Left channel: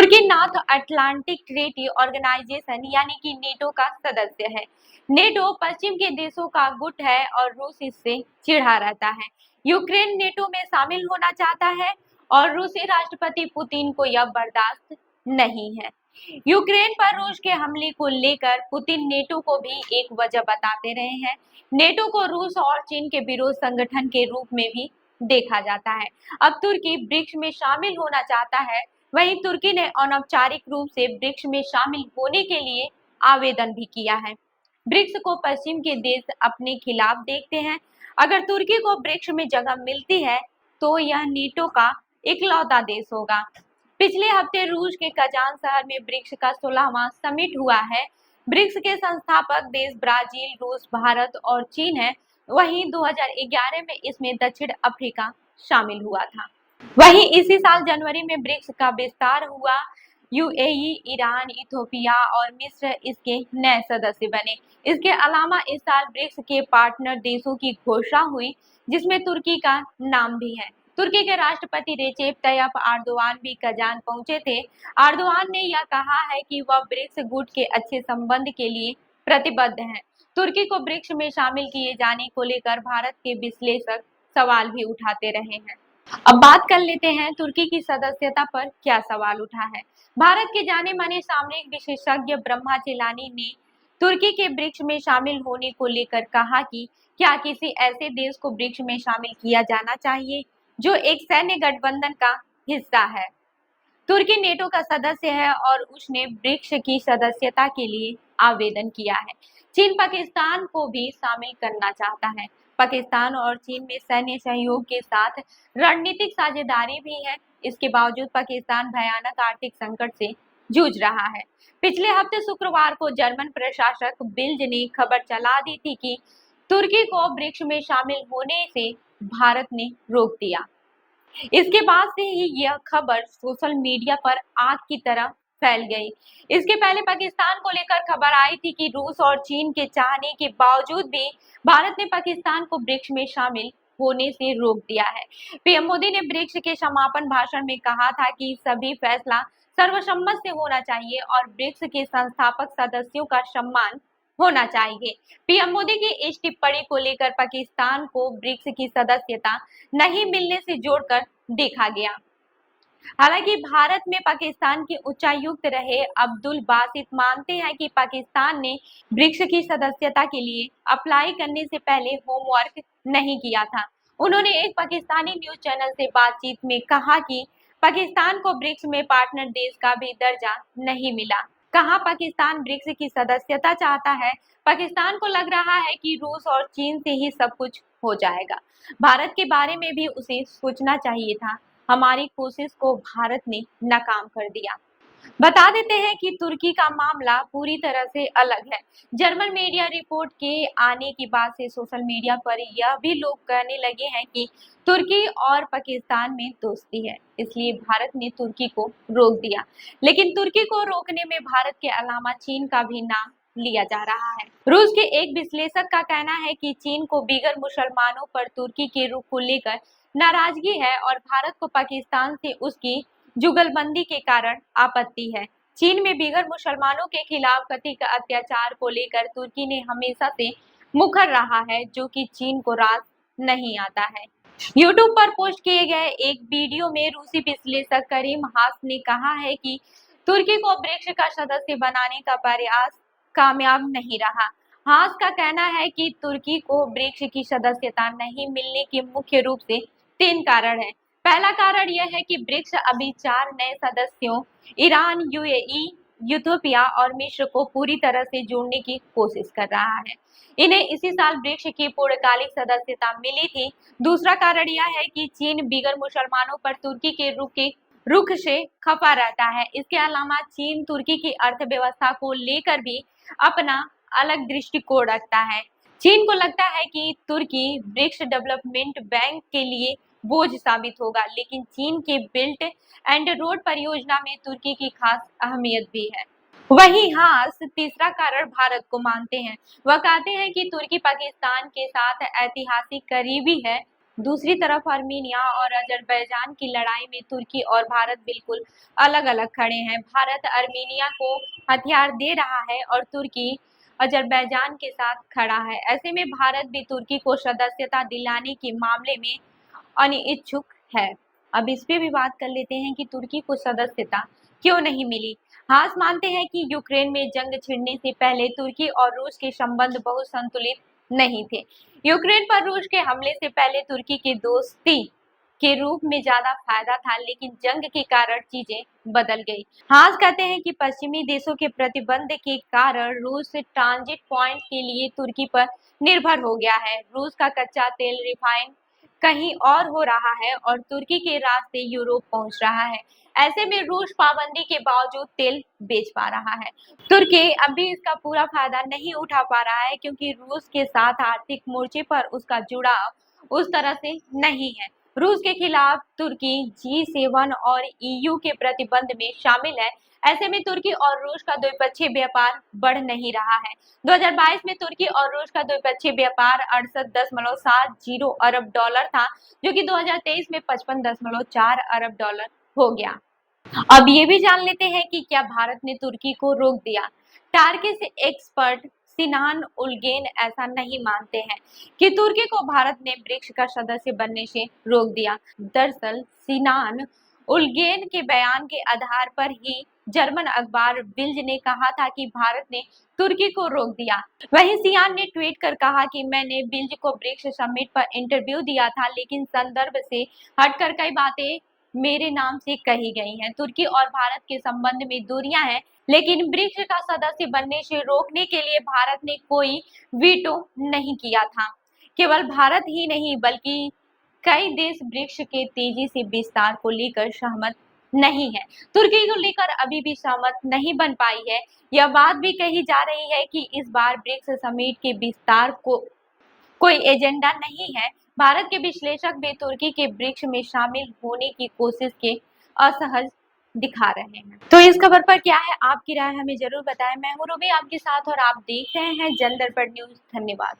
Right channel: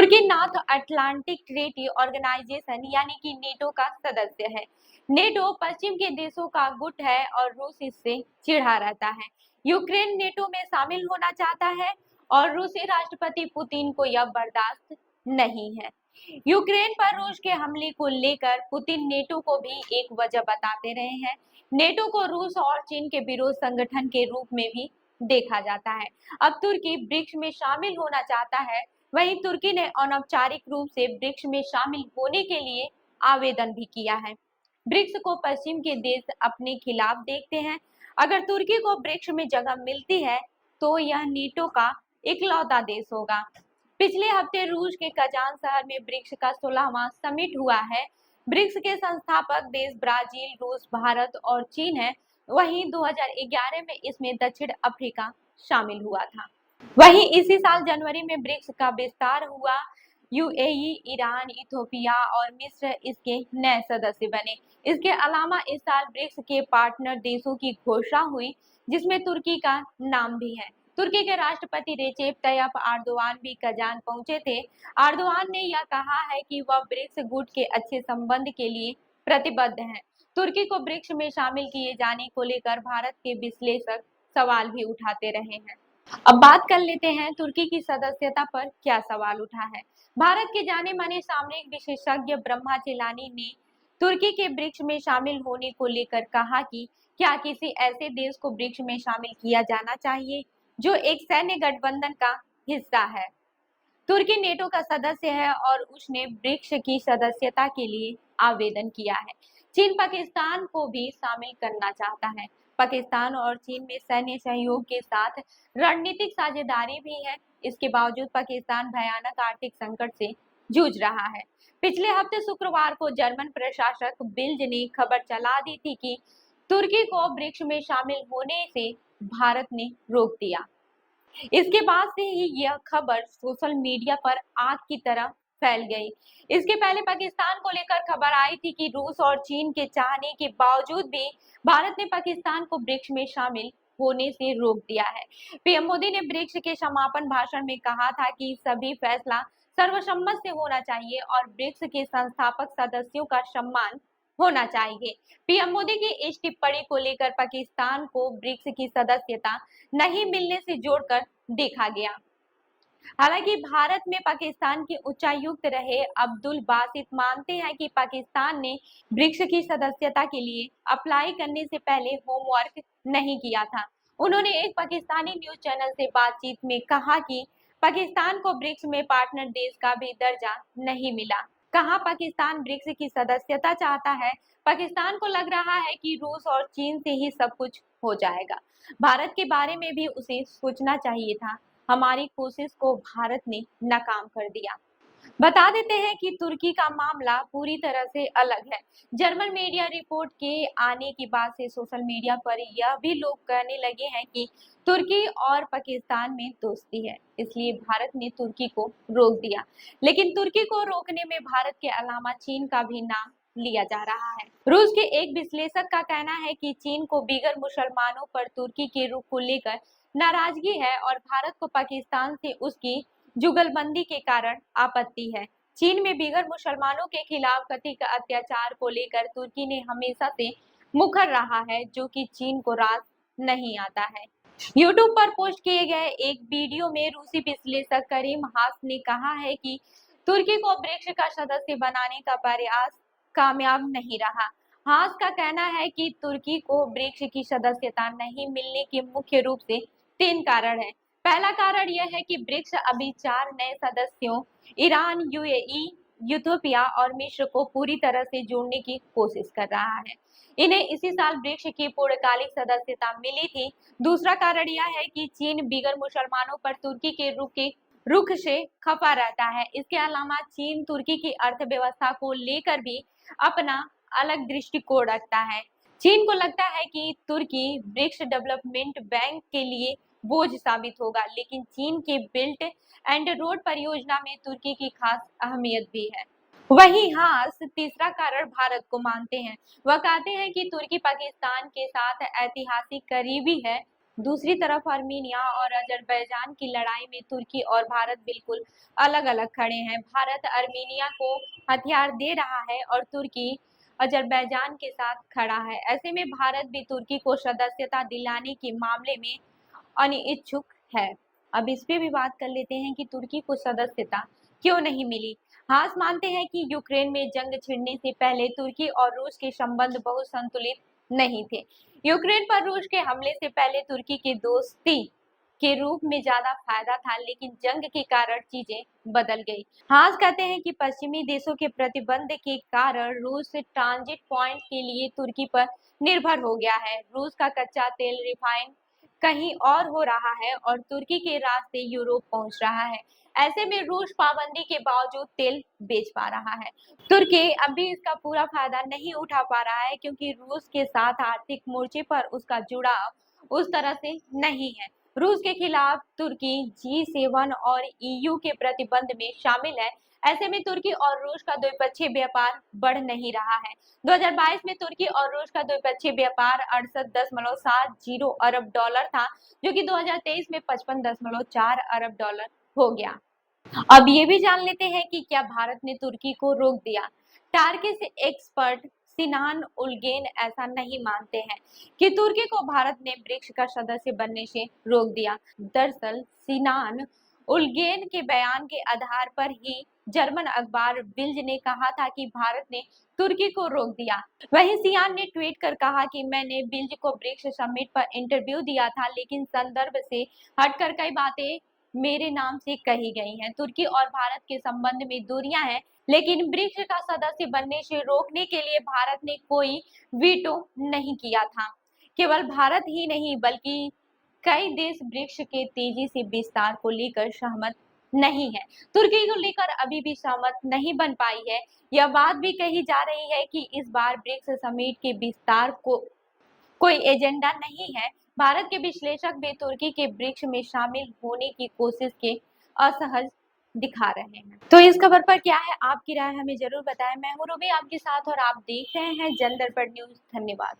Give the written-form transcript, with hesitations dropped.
तुर्की north Atlantic treaty organisation यानी कि NATO का सदस्य है। नेटो पश्चिम के देशों का गुट है और रूस इससे चिढ़ा रहता है। यूक्रेन नेटो में शामिल होना चाहता है और रूसी राष्ट्रपति पुतिन को यह बर्दाश्त नहीं है। यूक्रेन पर रूस के हमले को लेकर पुतिन नेटो को भी एक वजह बताते रहे हैं। नेटो को रूस और चीन के विरोध संगठन के रूप में भी देखा जाता है। अब तुर्की ब्रिक्स में शामिल होना चाहता है। वहीं तुर्की ने अनौपचारिक रूप से ब्रिक्स में शामिल होने के लिए आवेदन भी किया है। ब्रिक्स को पश्चिम के देश अपने खिलाफ देखते हैं। अगर तुर्की को ब्रिक्स में जगह मिलती है तो यह नेटो का इकलौता देश होगा। पिछले हफ्ते रूस के कजान शहर में ब्रिक्स का 16वां समिट हुआ है। ब्रिक्स के संस्थापक देश ब्राजील, रूस, भारत और चीन है। वहीं 2011 में इसमें दक्षिण अफ्रीका शामिल हुआ था। वहीं इसी साल जनवरी में ब्रिक्स का विस्तार हुआ। यूएई, ईरान, इथोपिया और मिस्र इसके नए सदस्य बने। इसके अलावा इस साल ब्रिक्स के पार्टनर देशों की घोषणा हुई, जिसमें तुर्की का नाम भी है। तुर्की के राष्ट्रपति रेसेप तैयप एर्दोगान भी कजान पहुंचे थे। एर्दोगान ने यह कहा है कि वह ब्रिक्स गुट के अच्छे संबंध के लिए प्रतिबद्ध है। तुर्की को ब्रिक्स में शामिल किए जाने को लेकर भारत के विश्लेषक सवाल भी उठाते रहे हैं। अब बात कर लेते हैं तुर्की की सदस्यता पर क्या सवाल उठा है। भारत के जाने माने सामरिक विशेषज्ञ ब्रह्मा जिलानी ने तुर्की के ब्रिक्स में शामिल होने को लेकर कहा कि क्या किसी ऐसे देश को ब्रिक्स में शामिल किया जाना चाहिए जो एक सैन्य गठबंधन का हिस्सा है। तुर्की नेटो का सदस्य है और उसने ब्रिक्स की सदस्यता के लिए आवेदन किया है। चीन पाकिस्तान को भी शामिल करना चाहता है। पाकिस्तान और चीन में सैन्य सहयोग के साथ रणनीतिक साझेदारी भी है। इसके बावजूद पाकिस्तान भयानक आर्थिक संकट से जूझ रहा है। पिछले हफ्ते शुक्रवार को जर्मन प्रशासक बिल्ड ने खबर चला दी थी कि तुर्की को ब्रिक्स में शामिल होने से भारत ने रोक दिया। इसके बाद से ही यह खबर सोशल मीडिया पर आग की तरह फैल गई। इसके पहले पाकिस्तान को लेकर खबर आई थी कि रूस और चीन के चाहने के बावजूद भी भारत ने पाकिस्तान को ब्रिक्स में शामिल होने से रोक दिया है। पीएम मोदी ने ब्रिक्स के समापन भाषण में कहा था कि सभी फैसला सर्वसम्मत से होना चाहिए और ब्रिक्स के संस्थापक सदस्यों का सम्मान होना चाहिए। पीएम मोदी की इस टिप्पणी को लेकर पाकिस्तान को ब्रिक्स की सदस्यता नहीं मिलने से जोड़कर देखा गया। हालांकि भारत में पाकिस्तान के उच्चायुक्त रहे अब्दुल बासित मानते हैं कि पाकिस्तान ने ब्रिक्स की सदस्यता के लिए अप्लाई करने से पहले होमवर्क नहीं किया था। उन्होंने एक पाकिस्तानी न्यूज चैनल से बातचीत में कहा कि पाकिस्तान को ब्रिक्स में पार्टनर देश का भी दर्जा नहीं मिला। कहा पाकिस्तान ब्रिक्स की सदस्यता चाहता है। पाकिस्तान को लग रहा है कि रूस और चीन से ही सब कुछ हो जाएगा। भारत के बारे में भी उसे सोचना चाहिए था। हमारी कोशिश को भारत ने नाकाम कर दिया। बता देते हैं कि तुर्की का मामला पूरी तरह से अलग है। जर्मन मीडिया रिपोर्ट के आने के बाद से सोशल मीडिया पर यह भी लोग कहने लगे हैं कि तुर्की और पाकिस्तान में दोस्ती है, इसलिए भारत ने तुर्की को रोक दिया। लेकिन तुर्की को रोकने में भारत के अलावा चीन का भी नाम लिया जा रहा है। रूस के एक विश्लेषक का कहना है कि चीन को बीगर मुसलमानों पर तुर्की के रुख को लेकर नाराजगी है और भारत को पाकिस्तान से उसकी जुगलबंदी के कारण आपत्ति है। चीन में बीगर मुसलमानों के खिलाफ कथित अत्याचार को लेकर तुर्की ने हमेशा से मुखर रहा है, जो कि चीन को रास नहीं आता है। यूट्यूब पर पोस्ट किए गए एक वीडियो में रूसी विश्लेषक करीम हास ने कहा है कि तुर्की को ब्रिक्स का सदस्य बनाने का प्रयास कामयाब नहीं रहा। हास का कहना है कि तुर्की को ब्रिक्स की सदस्यता नहीं मिलने के मुख्य रूप से 3 कारण है। पहला कारण यह है कि ब्रिक्स अभी 4 नए सदस्यों ईरान, यूएई, इथियोपिया और मिस्र को पूरी तरह से जोड़ने की कोशिश कर रहा है। इन्हें इसी साल ब्रिक्स की पूर्णकालिक सदस्यता मिली थी। दूसरा कारण यह है कि चीन बीगर मुसलमानों पर तुर्की के रुख से खफा रहता है। इसके अलावा चीन तुर्की की अर्थव्यवस्था को लेकर भी अपना अलग दृष्टिकोण रखता है। चीन को लगता है कि तुर्की ब्रिक्स डेवलपमेंट बैंक के लिए बोझ साबित होगा, लेकिन चीन के बिल्ट एंड रोड परियोजना में तुर्की की खास अहमियत भी है। वहीं हास तीसरा कारण भारत को मानते हैं। वह कहते हैं कि तुर्की पाकिस्तान के साथ ऐतिहासिक करीबी है। दूसरी तरफ अर्मीनिया और अजरबैजान की लड़ाई में तुर्की और भारत बिल्कुल अलग अलग खड़े हैं। भारत अर्मीनिया को हथियार दे रहा है और तुर्की अजरबैजान के साथ खड़ा है। ऐसे में भारत भी तुर्की को सदस्यता दिलाने के मामले में अनिच्छुक है। अब इस पे भी बात कर लेते हैं कि तुर्की को सदस्यता क्यों नहीं मिली। हास मानते हैं कि यूक्रेन में जंग छिड़ने से पहले तुर्की और रूस के संबंध बहुत संतुलित नहीं थे। यूक्रेन पर रूस के हमले से पहले तुर्की की दोस्ती के रूप में ज्यादा फायदा था, लेकिन जंग के कारण चीजें बदल गई। हास कहते हैं कि पश्चिमी देशों के प्रतिबंध के कारण रूस ट्रांजिट पॉइंट के लिए तुर्की पर निर्भर हो गया है। रूस का कच्चा तेल रिफाइन कहीं और हो रहा है और तुर्की के रास्ते यूरोप पहुंच रहा है। ऐसे में रूस पाबंदी के बावजूद तेल बेच पा रहा है। तुर्की अभी इसका पूरा फायदा नहीं उठा पा रहा है, क्योंकि रूस के साथ आर्थिक मोर्चे पर उसका जुड़ाव उस तरह से नहीं है। रूस के खिलाफ तुर्की G7 और EU के प्रतिबंध में शामिल है। ऐसे में तुर्की और रूस का द्विपक्षीय व्यापार बढ़ नहीं रहा है। 2022 में तुर्की और रूस का द्विपक्षीय व्यापार 68.70 अरब डॉलर था, जो कि 2023 में 55.4 अरब डॉलर हो गया। अब ये भी जान लेते हैं कि क्या भारत ने तुर्की को रोक दिया। टार्किश एक्सपर्ट सिनान उलगेन ऐसा नहीं मानते हैं कि तुर्की को भारत ने ब्रिक्स का सदस्य बनने से रोक दिया। दरअसल सिनान उलगेन के बयान के आधार पर ही जर्मन अखबार बिल्ड ने कहा था कि भारत ने तुर्की को रोक दिया। वहीं सियान ने ट्वीट कर कहा कि मैंने बिल्ड को ब्रिक्स समिट पर इंटरव्यू दिया था, लेकिन संदर्भ से हटकर कई बातें मेरे नाम से कही गई हैं। तुर्की और भारत के संबंध में दूरियां हैं, लेकिन ब्रिक्स का सदस्य बनने से रोकने के लिए भारत ने कोई वीटो नहीं किया था। केवल भारत ही नहीं बल्कि कई देश ब्रिक्स के तेजी से विस्तार को लेकर सहमत नहीं है। तुर्की को लेकर अभी भी सहमत नहीं बन पाई है। यह बात भी कही जा रही है कि इस बार ब्रिक्स समिट के विस्तार को कोई एजेंडा नहीं है। भारत के विश्लेषक भी तुर्की के ब्रिक्स में शामिल होने की कोशिश के असहज दिखा रहे हैं। तो इस खबर पर क्या है आपकी राय, हमें जरूर बताएं। मैं हूं रूबी आपके साथ और आप देख रहे हैं जन दर्पण न्यूज। धन्यवाद।